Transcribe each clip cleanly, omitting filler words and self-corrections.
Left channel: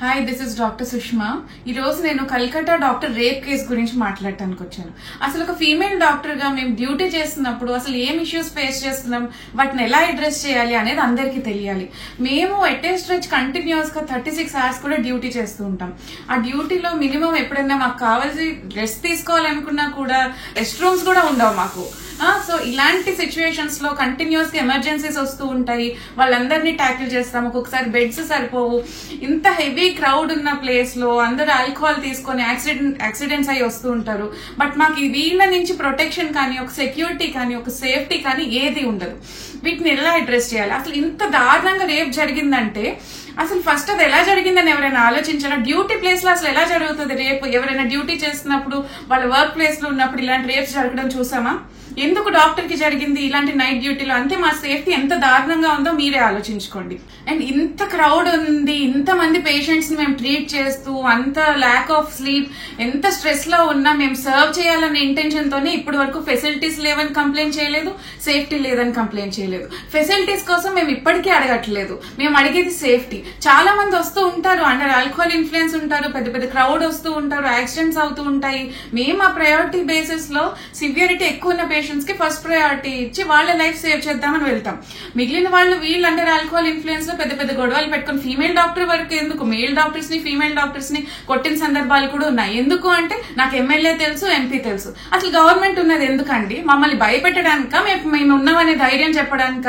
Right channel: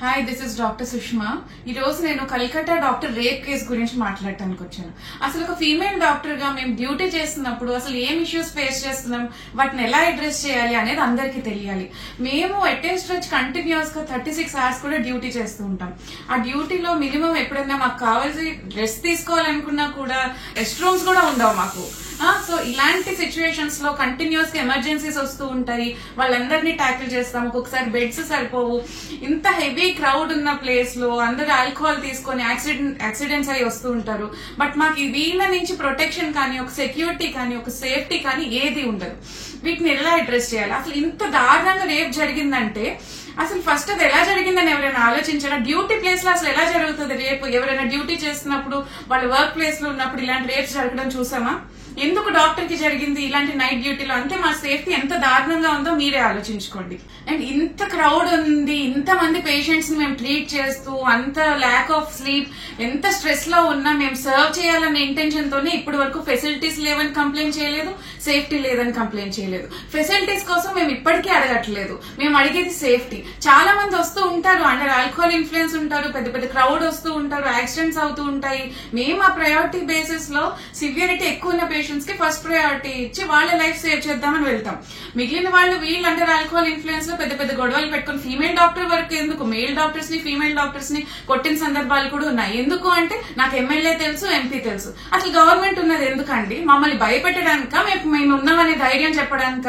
Hi, this is doctor Sushma. ఈ రోజు నేను కల్కట్టా డాక్టర్ రేప్ కేసు గురించి మాట్లాడటానికి వచ్చాను. అసలు ఒక ఫీమేల్ డాక్టర్ గా మేము డ్యూటీ చేస్తున్నప్పుడు అసలు ఏం ఇష్యూస్ ఫేస్ చేస్తున్నాం, వాటిని ఎలా అడ్రస్ చేయాలి అనేది అందరికీ తెలియాలి. మేము ఎట్ ఏ స్ట్రెచ్ కంటిన్యూస్ గా 36 hours కూడా డ్యూటీ చేస్తూ ఉంటాం. ఆ డ్యూటీలో మినిమం ఎప్పుడైనా మాకు కావాల్సి రెస్ట్ తీసుకోవాలనుకున్నా కూడా రెస్ట్ రూమ్స్ కూడా ఉండవు మాకు. సో ఇలాంటి సిచ్యువేషన్స్ లో కంటిన్యూస్ గా ఎమర్జెన్సీస్ వస్తూ ఉంటాయి. వాళ్ళందరినీ ట్యాకిల్ చేస్తాం. ఒక్కొక్కసారి బెడ్స్ సరిపోవు. ఇంత హెవీ క్రౌడ్ ఉన్న ప్లేస్ లో అందరూ ఆల్కహాల్ తీసుకొని యాక్సిడెంట్స్ అయ్యి వస్తూ ఉంటారు. బట్ మాకు వీళ్ళ నుంచి ప్రొటెక్షన్ కానీ, ఒక సెక్యూరిటీ కానీ, ఒక సేఫ్టీ కానీ ఏది ఉండదు. వీటిని ఎలా అడ్రస్ చేయాలి? అసలు ఇంత దారుణంగా రేప్ జరిగిందంటే అసలు ఫస్ట్ అది ఎలా జరిగిందని ఎవరైనా ఆలోచించారా? డ్యూటీ ప్లేస్ లో అసలు ఎలా జరుగుతుంది రేపు? ఎవరైనా డ్యూటీ చేస్తున్నప్పుడు వాళ్ళ వర్క్ ప్లేస్ లో ఉన్నప్పుడు ఇలాంటి రేప్స్ జరగడం చూసామా? ఎందుకు డాక్టర్ కి జరిగింది ఇలాంటి నైట్ డ్యూటీలో? అంటే మా సేఫ్టీ ఎంత దారుణంగా ఉందో మీరే ఆలోచించుకోండి. అండ్ ఇంత క్రౌడ్ ఉంది, ఇంత మంది పేషెంట్స్ ని మేము ట్రీట్ చేస్తూ, అంత ల్యాక్ ఆఫ్ స్లీప్, ఎంత స్ట్రెస్ లో ఉన్నా మేము సర్వ్ చేయాలనే ఇంటెన్షన్ తోనే ఇప్పటి వరకు ఫెసిలిటీస్ లేవని కంప్లైంట్ చేయలేదు, సేఫ్టీ లేదని కంప్లైంట్ చేయలేదు. ఫెసిలిటీస్ కోసం మేము ఇప్పటికీ అడగట్లేదు. మేము అడిగేది సేఫ్టీ. చాలా మంది వస్తూ ఉంటారు, అండర్ ఆల్కహాల్ ఇన్ఫ్లుయెన్స్ ఉంటారు, పెద్ద పెద్ద క్రౌడ్ వస్తూ ఉంటారు, యాక్సిడెంట్స్ అవుతూ ఉంటాయి. మేము ఆ ప్రయారిటీ బేసిస్ లో సివియరిటీ ఎక్కువ ఉన్న పేషెంట్స్ కి ఫస్ట్ ప్రయారిటీ ఇచ్చి వాళ్ళ లైఫ్ సేవ్ చేద్దామని వెళ్తాం. మిగిలిన వాళ్ళు వీళ్ళు అండర్ ఆల్కహాల్ ఇన్ఫ్లుయెన్స్ లో పెద్ద పెద్ద గొడవలు పెట్టుకుని ఫీమేల్ డాక్టర్ వరకు ఎందుకు, మేల్ డాక్టర్స్ ని ఫీమేల్ డాక్టర్స్ ని కొట్టిన సందర్భాలు కూడా ఉన్నాయి. ఎందుకు అంటే నాకు ఎమ్మెల్యే తెలుసు, ఎంపీ తెలుసు. అసలు గవర్నమెంట్ ఉన్నది ఎందుకండి? మమ్మల్ని భయపెట్టడానిక, మేము ఉన్నామనే ధైర్యం చెప్పడానిక?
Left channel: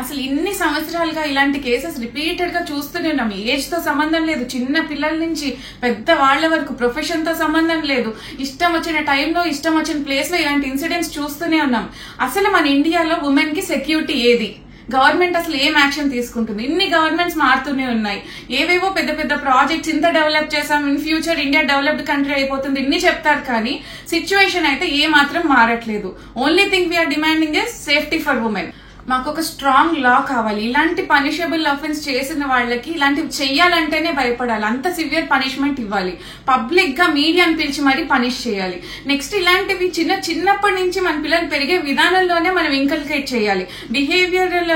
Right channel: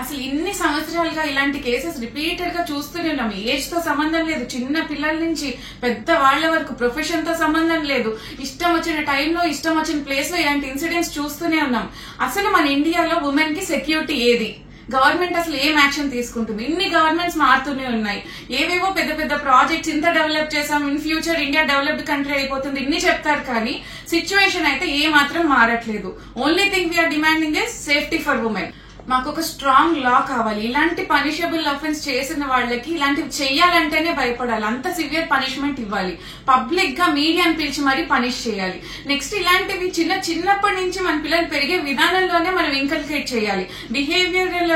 అసలు ఇన్ని సంవత్సరాలుగా ఇలాంటి కేసెస్ రిపీటెడ్ గా చూస్తూనే ఉన్నాం. ఏజ్ తో సంబంధం లేదు, చిన్న పిల్లల నుంచి పెద్ద వాళ్ల వరకు, ప్రొఫెషన్ తో సంబంధం లేదు. ఇష్టం వచ్చిన టైంలో, ఇష్టం వచ్చిన ప్లేస్ లో ఇలాంటి ఇన్సిడెంట్స్ చూస్తూనే ఉన్నాం. అసలు మన ఇండియాలో ఉమెన్ కి సెక్యూరిటీ ఏది? గవర్నమెంట్ అసలు ఏం యాక్షన్ తీసుకుంటుంది? ఇన్ని గవర్నమెంట్స్ మారుతూనే ఉన్నాయి. ఏవేవో పెద్ద పెద్ద ప్రాజెక్ట్స్ ఇంత డెవలప్ చేసాం, in future India developed country అయిపోతుంది, ఇన్ని చెప్తారు. కానీ సిచ్యువేషన్ అయితే ఏ మాత్రం మారట్లేదు. Only thing we are demanding is safety for women. మాకు ఒక స్ట్రాంగ్ లా కావాలి. ఇలాంటి పనిషబుల్ అఫెన్స్ చేసిన వాళ్ళకి ఇలాంటివి చెయ్యాలంటేనే భయపడాలి. అంత సివియర్ పనిష్మెంట్ ఇవ్వాలి. పబ్లిక్ గా మీడియాని పిలిచి మరీ పనిష్ చేయాలి. నెక్స్ట్ ఇలాంటివి చిన్నప్పటి నుంచి మన పిల్లలు పెరిగే విధానంలోనే మనం ఇంకల్కేట్ చేయాలి. బిహేవియరల్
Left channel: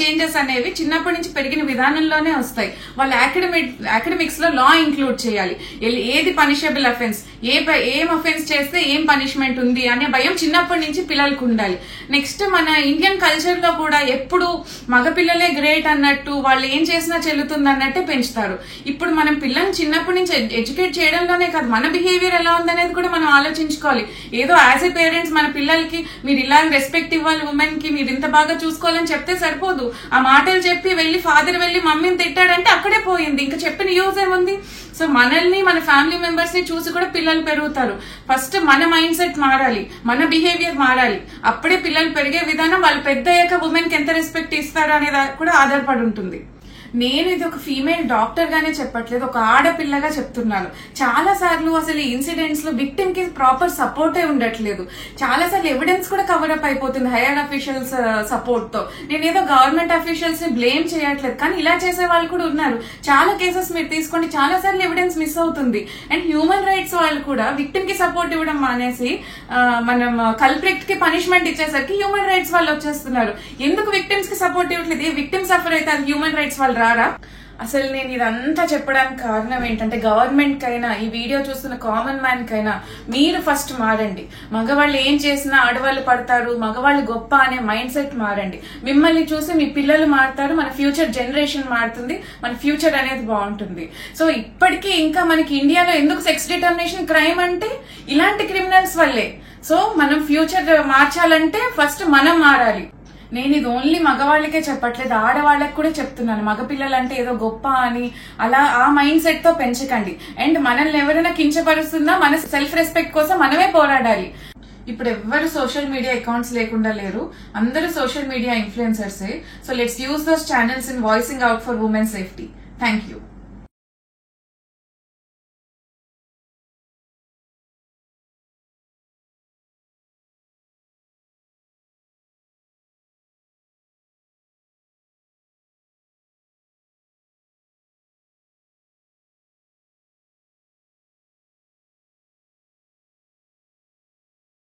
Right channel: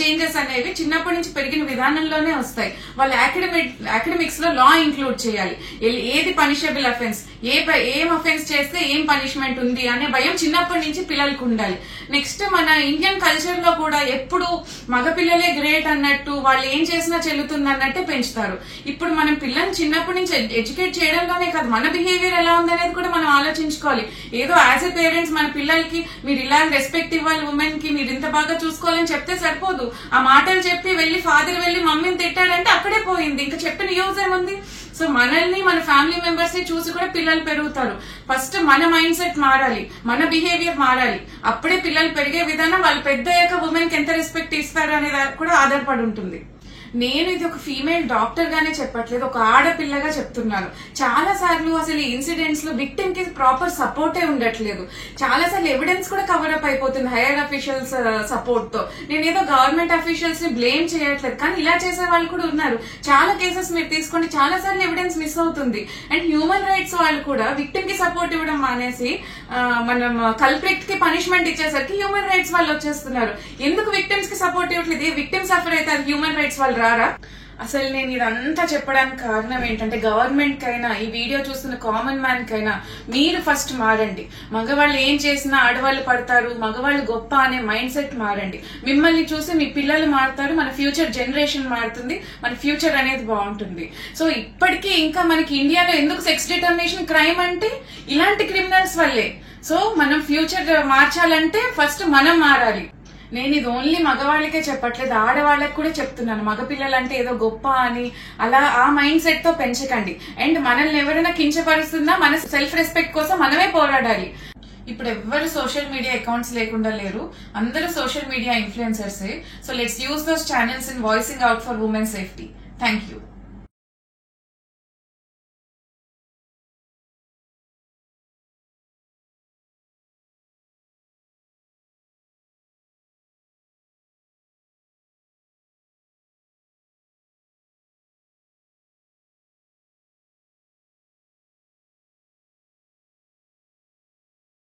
చేంజెస్ అనేవి చిన్నప్పటి నుంచి పెరిగిన విధానంలోనే వస్తాయి. వాళ్ళ అకాడమిక్స్ లో లా ఇంక్లూడ్ చేయాలి. ఏది పనిషబుల్ అఫెన్స్, ఏం అఫెన్స్ చేస్తే ఏం పనిష్మెంట్ ఉంది అనే భయం చిన్నప్పటి నుంచి పిల్లలకు ఉండాలి. నెక్స్ట్ మన ఇండియన్ కల్చర్ లో కూడా ఎప్పుడు మగపిల్లలే గ్రేట్ అన్నట్టు, వాళ్ళు ఏం చేసినా చెల్లుతుంది అన్నట్టే పెంచుతారు. ఇప్పుడు మనం పిల్లల్ని చిన్నప్పటి నుంచి ఎడ్యుకేట్ చేయడంలోనే కాదు, మన బిహేవియర్ ఎలా ఉందనేది కూడా మనం ఆలోచించుకోవాలి. ఏదో యాజ్ ఎ పేరెంట్స్ మన పిల్లలకి మీరు ఇలా రెస్పెక్ట్ ఇవ్వాలి, ఉమెన్ కి మీరు ఇంత బాగా చూసుకోవాలని చెప్తే సరిపోదు. ఆ మాటలు చెప్పి ఫాదర్ వెళ్లి మమ్మీని తిట్టాడంటే అక్కడే పోయింది. ఇంకా చెప్పిన యూజ్ ఏముంది? సో మనల్ని, మన ఫ్యామిలీ మెంబర్స్ ని చూసి కూడా పిల్లలు పెరుగుతారు. ఫస్ట్ మన మైండ్ సెట్ మారాలి, మన బిహేవియర్ మారాలి. అప్పుడే పిల్లలు పెరిగే విధానం, వాళ్ళు పెద్ద అయ్యాక ఉమెన్ కి ఎంత రెస్పెక్ట్ ఇస్తారు అనేది కూడా ఆధారపడి ఉంటుంది. నేను ఇది ఒక ఫీమేల్ డాక్టర్ గానే చెప్పట్లేదు, ఒక ఆడపిల్లగా చెప్తున్నాను. చాలా సార్లు అసలు ఈ ఇన్సిడెంట్స్ లో విక్టిమ్ కి ప్రాపర్ సపోర్టే ఉండట్లేదు. చాలా సార్లు ఎవిడెన్స్ కూడా కవర్ అప్ అయిపోతుంది హైయర్ అఫీషియల్స్ సపోర్ట్ తో. నేనేదో గవర్నమెంట్ అఫీషియల్స్ ని బ్లేమ్ చేయట్లేదు, కానీ ఇలా చేసే వాళ్ళు కూడా ఉన్నారు. చాలా కేసెస్ మీరు తీసుకోండి, చాలా సార్లు ఎవిడెన్స్ మిస్ అవుతుంది. అండ్ హ్యూమన్ రైట్స్ వాళ్ళు కూడా విక్టిమ్ కి సపోర్ట్ ఇవ్వడం మానేసి మనం కల్ప్రిక్ట్ కి పనిష్మెంట్ ఇచ్చేసరికి హ్యూమన్ రైట్స్ వాళ్ళు వచ్చేస్తున్నారు. ఎందుకు విక్టిమ్స్ కి సపోర్ట్ ఇవ్వట్లేదు? ఏ విక్టిమ్ సఫర్ అయితే అది హ్యూమన్ రైట్స్ వాళ్ళు రారా? అసలు నేను ఇదంతా చెప్పడానికి కారణం ఏంటంటే, గవర్నమెంట్ కైనా, ఈ వీడియో చూస్తున్న కామన్ మ్యాన్ కైనా మీరు ఫస్ట్ మారండి. మగవాళ్ళు ఏం చేసినా ఆడవాళ్ళు పడతారు, మగవాళ్ళు గొప్ప అనే మైండ్ సెట్ మారండి. మిమ్మల్ని చూసి మీ పిల్లలు మారుతారు, మన ఫ్యూచర్ జనరేషన్ మారుతుంది, మన ఫ్యూచర్ అనేది బాగుంటుంది. సో ఇప్పటికీ ఇంకా మనకి ఇండియాలో ఎందుకు సెక్స్ డిటర్మినేషన్ క్రైమ్ అంటే ఇలాంటి క్రిమినల్స్ వల్లే. సో మనం ఫ్యూచర్ మార్చాలంటే ఫస్ట్ మనం మారాలి. నేను ఇది ఓన్లీ మగవాళ్ళకే చెప్పట్లేదు, ఆడవాళ్ళకి కూడా చెప్తున్నాను. మగపిల్లలంటే ఏదో గొప్ప అని అలా ఆ మైండ్ సెట్ తో పెంచకండి. అండ్ మనల్ని ఎవరైనా కించపరుస్తున్నా మన సెల్ఫ్ రెస్పెక్ట్ కోసం మనమే పోరాడాలి. ఇప్పుడు ఎవ్వరు సోషల్ మీడియా అకౌంట్స్ లేకుండా లేరు, అందరూ సోషల్ మీడియా ఇన్ఫ్లుయెన్సర్సే. So let's use those channels in voicing out for women safety. Thank you.